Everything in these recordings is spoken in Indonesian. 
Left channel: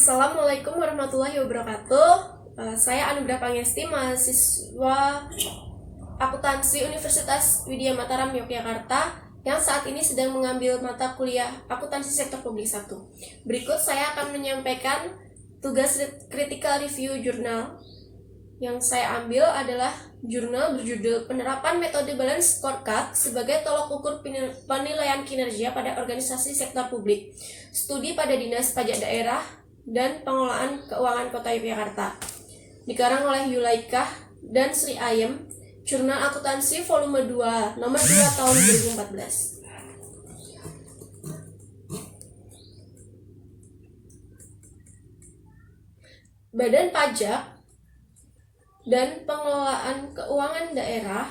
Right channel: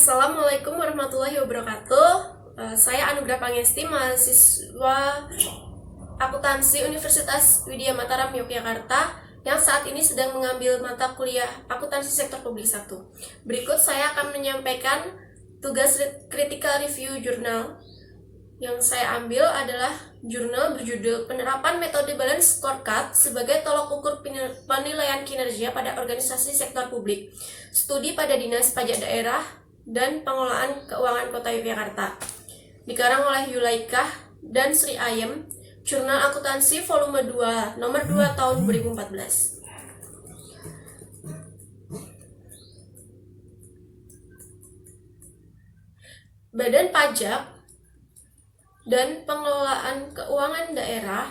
Assalamualaikum warahmatullahi wabarakatuh. Saya Anugrah Pangesti, mahasiswa akuntansi Universitas Widya Mataram Yogyakarta yang saat ini sedang mengambil mata kuliah akuntansi sektor publik 1. Berikut saya akan menyampaikan tugas critical review jurnal. Yang saya ambil adalah jurnal berjudul Penerapan Metode Balance Scorecard sebagai tolok ukur penilaian kinerja pada organisasi sektor publik, studi pada Dinas Pajak Daerah dan Pengelolaan Keuangan Kota Yogyakarta. Dikarang oleh Yulaikah dan Sri Ayem, Jurnal Akuntansi Volume 2, nomor 2 tahun 2014. Badan Pajak dan Pengelolaan Keuangan Daerah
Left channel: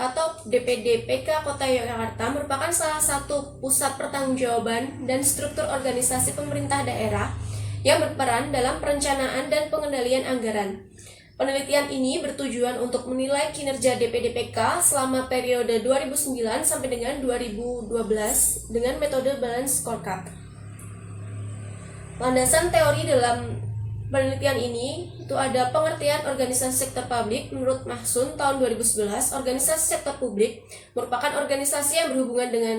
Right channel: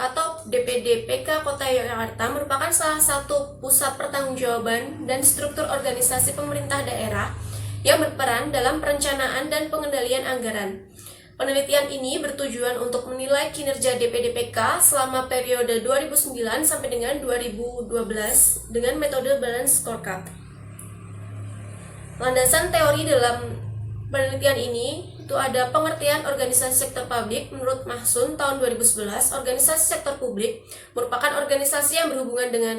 atau DPD-PK Kota Yogyakarta merupakan salah satu pusat pertanggungjawaban dan struktur organisasi pemerintah daerah yang berperan dalam perencanaan dan pengendalian anggaran. Penelitian ini bertujuan untuk menilai kinerja DPD-PK selama periode 2009 sampai dengan 2012 dengan metode Balance Scorecard. Landasan teori dalam penelitian ini itu ada pengertian organisasi sektor publik. Menurut Mahsun tahun 2011, organisasi sektor publik merupakan organisasi yang berhubungan dengan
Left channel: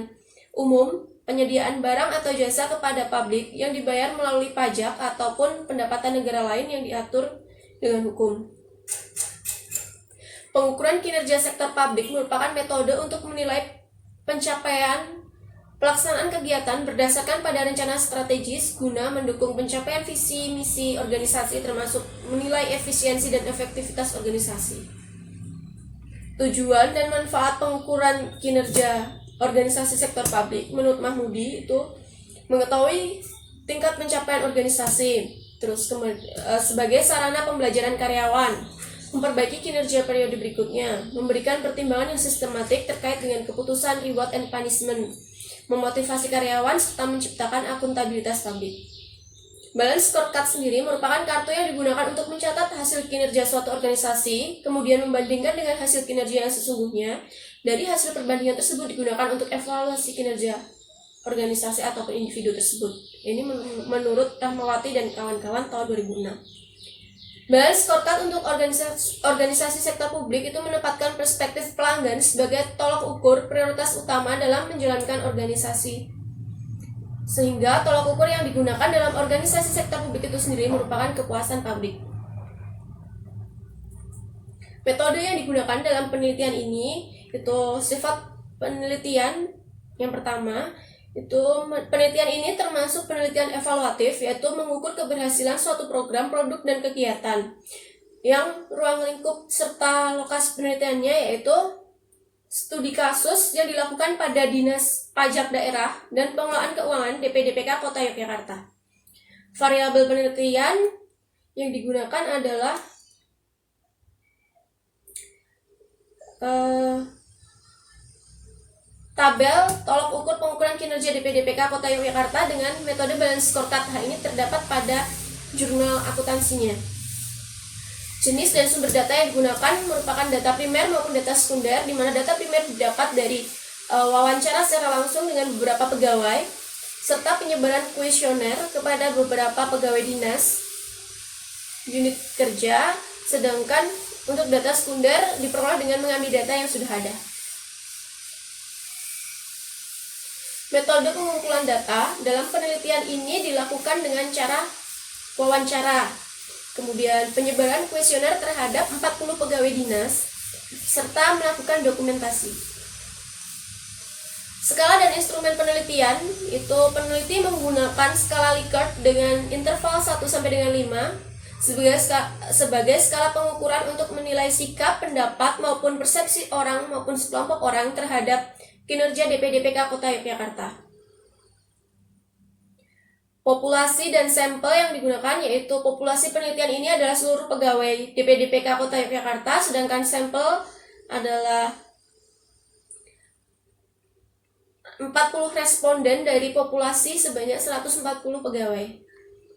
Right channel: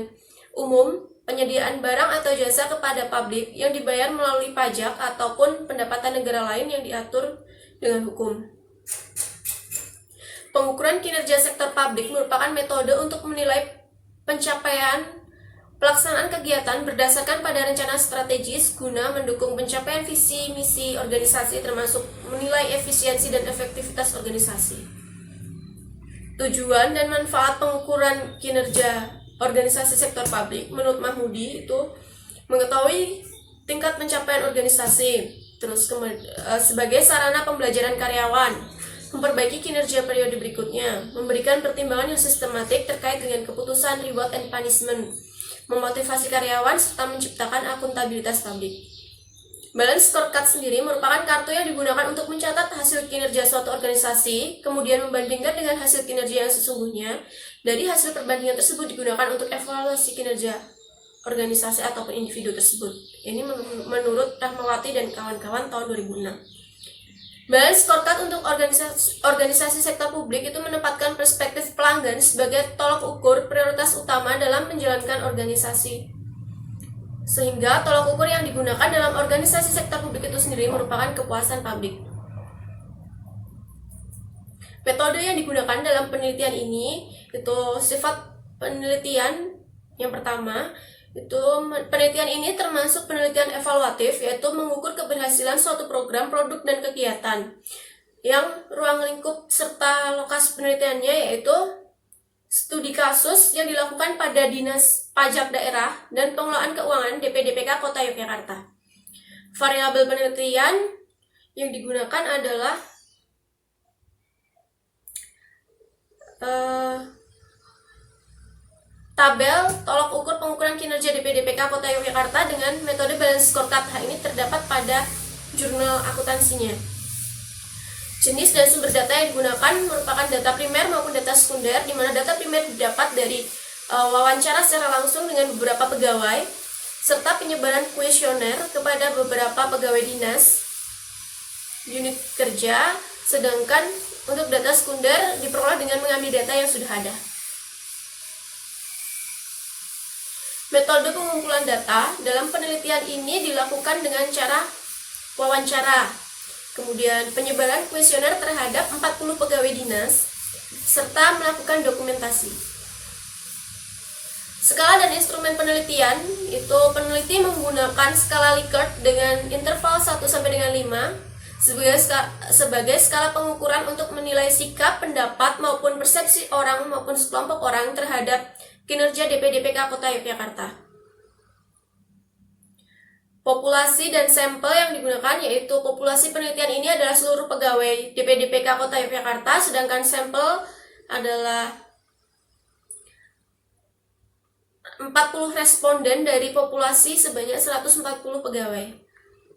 umum, penyediaan barang atau jasa kepada publik yang dibayar melalui pajak ataupun pendapatan negara lain yang diatur dengan hukum. Pengukuran kinerja sektor publik merupakan metode untuk menilai pencapaian pelaksanaan kegiatan berdasarkan pada rencana strategis guna mendukung pencapaian visi misi organisasi, termasuk menilai efisiensi dan efektivitas organisasi. Tujuan dan manfaat pengukuran kinerja organisasi sektor publik menurut Mahmudi itu mengetahui tingkat pencapaian organisasi, terus sebagai sarana pembelajaran karyawan, memperbaiki kinerja periode berikutnya, memberikan pertimbangan yang sistematik terkait dengan keputusan reward and punishment, memotivasi karyawan, serta menciptakan akuntabilitas publik. Balance Scorecard sendiri merupakan kartu yang digunakan untuk mencatat hasil kinerja suatu organisasi, kemudian membandingkan dengan hasil kinerja yang sesungguhnya. Dari hasil perbandingan tersebut digunakan untuk evaluasi kinerja organisasi ataupun individu tersebut. Ini menurut Rahmawati dan kawan-kawan tahun 2006. Balance Scorecard untuk organisasi sektor publik itu menempatkan perspektif pelanggan sebagai tolok ukur prioritas utama dalam menjalankan organisasi. Sehingga tolok ukur yang digunakan dalam organisasi sektor publik itu sendiri merupakan kepuasan publik. Metode yang digunakan dalam penelitian ini itu sifat penelitian yang pertama itu penelitian ini termasuk penelitian evaluatif, yaitu mengukur keberhasilan suatu program, produk, dan kegiatan. Yang ruang lingkup serta lokasi penelitiannya yaitu studi kasus yang dilakukan pada Dinas Pajak Daerah dan Pengelolaan Keuangan DPD-PK Kota Yogyakarta. Variabel penelitian yang digunakan adalah tabel tolok ukur pengukuran kinerja DPD-PK Kota Yogyakarta dengan metode Balance Scorecard. Hal ini terdapat pada jurnal akuntansinya. Jenis dan sumber data yang digunakan merupakan data primer maupun data sekunder, di mana data primer didapat dari wawancara secara langsung dengan beberapa pegawai, serta penyebaran kuesioner kepada beberapa pegawai dinas, unit kerja, sedangkan untuk data sekunder diperoleh dengan mengambil data yang sudah ada. Metode pengumpulan data dalam penelitian ini dilakukan dengan cara wawancara, kemudian penyebaran kuesioner terhadap 40 pegawai dinas, serta melakukan dokumentasi. Skala dan instrumen penelitian itu peneliti menggunakan skala Likert dengan interval 1 sampai dengan 5 sebagai skala pengukuran untuk menilai sikap, pendapat, maupun persepsi orang maupun sekelompok orang terhadap kinerja DPD-PK Kota Yogyakarta. Populasi dan sampel yang digunakan yaitu populasi penelitian ini adalah seluruh pegawai DPD-PK Kota Yogyakarta, sedangkan sampel adalah 40 responden dari populasi sebanyak 140 pegawai.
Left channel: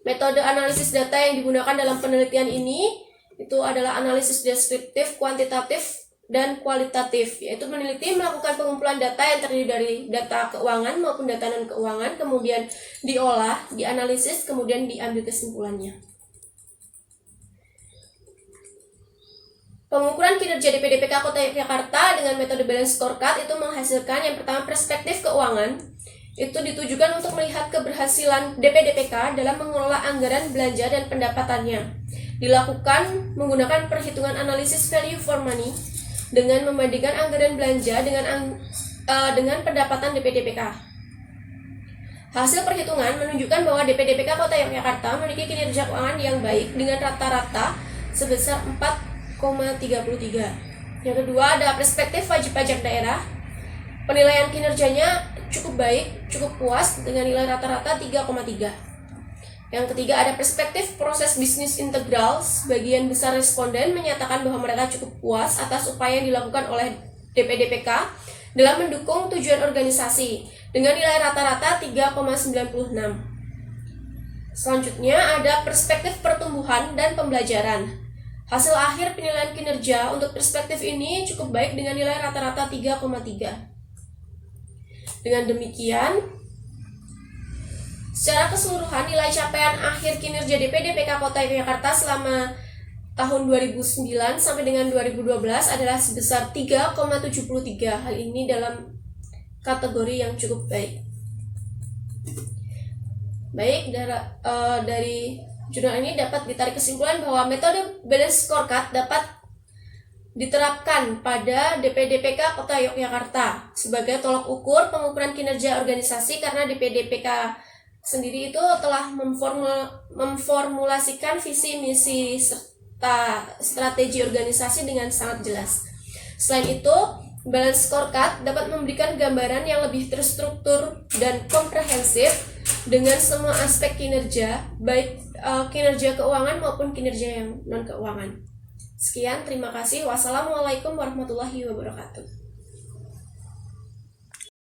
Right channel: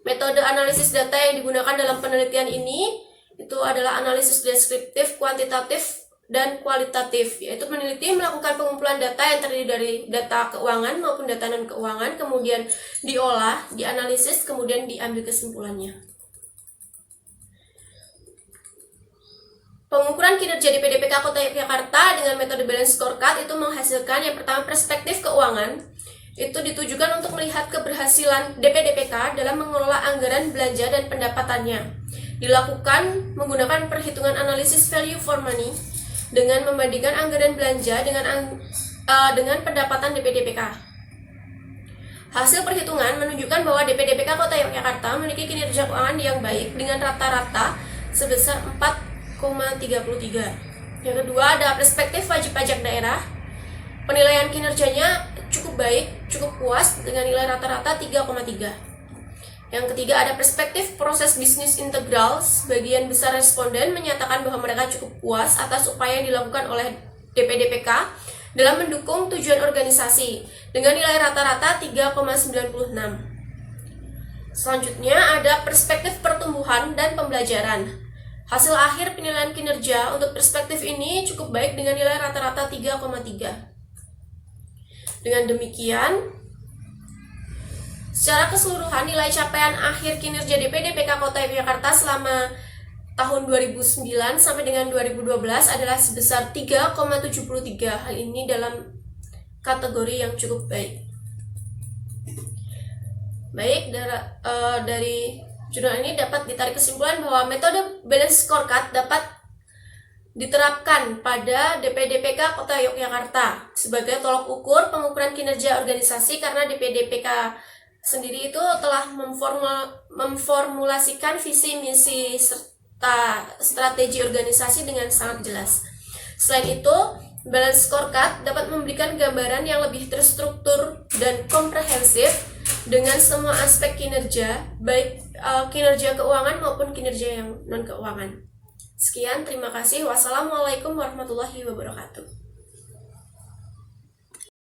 Metode analisis data yang digunakan dalam penelitian ini itu adalah analisis deskriptif, kuantitatif, dan kualitatif, yaitu meneliti, melakukan pengumpulan data yang terdiri dari data keuangan maupun data non-keuangan, kemudian diolah, dianalisis, kemudian diambil kesimpulannya. Pengukuran kinerja DPDPK Kota Yogyakarta dengan metode balance scorecard itu menghasilkan yang pertama perspektif keuangan. Itu ditujukan untuk melihat keberhasilan DPDPK dalam mengelola anggaran belanja dan pendapatannya. Dilakukan menggunakan perhitungan analisis value for money dengan membandingkan anggaran belanja dengan pendapatan DPDPK. Hasil perhitungan menunjukkan bahwa DPDPK Kota Yogyakarta memiliki kinerja keuangan yang baik dengan rata-rata sebesar 4,33. Yang kedua ada perspektif wajib pajak daerah. Penilaian kinerjanya cukup baik, cukup puas dengan nilai rata-rata 3,3. Yang ketiga ada perspektif proses bisnis integral. Sebagian besar responden menyatakan bahwa mereka cukup puas atas upaya yang dilakukan oleh DPDPK dalam mendukung tujuan organisasi dengan nilai rata-rata 3,96. Selanjutnya ada perspektif pertumbuhan dan pembelajaran. Hasil akhir penilaian kinerja untuk perspektif ini cukup baik dengan nilai rata-rata 3,3. Dengan demikian, secara keseluruhan nilai capaian akhir kinerja DPDPK Kota Yogyakarta selama tahun 2009 sampai dengan 2012 adalah sebesar 3,73. Hal ini dalam kategori yang cukup baik. Baik, dari jurnal ini dapat ditarik kesimpulan bahwa metode balance scorecard dapat diterapkan pada DPDPK Kota Yogyakarta sebagai tolok ukur pengukuran kinerja organisasi, karena DPDPK sendiri itu telah memformulasikan visi, misi, serta strategi organisasi dengan sangat jelas. Selain itu, balance scorecard dapat memberikan gambaran yang lebih terstruktur dan komprehensif dengan semua aspek kinerja, baik kinerja keuangan maupun kinerja yang non-keuangan. Sekian, terima kasih. Wassalamualaikum warahmatullahi wabarakatuh.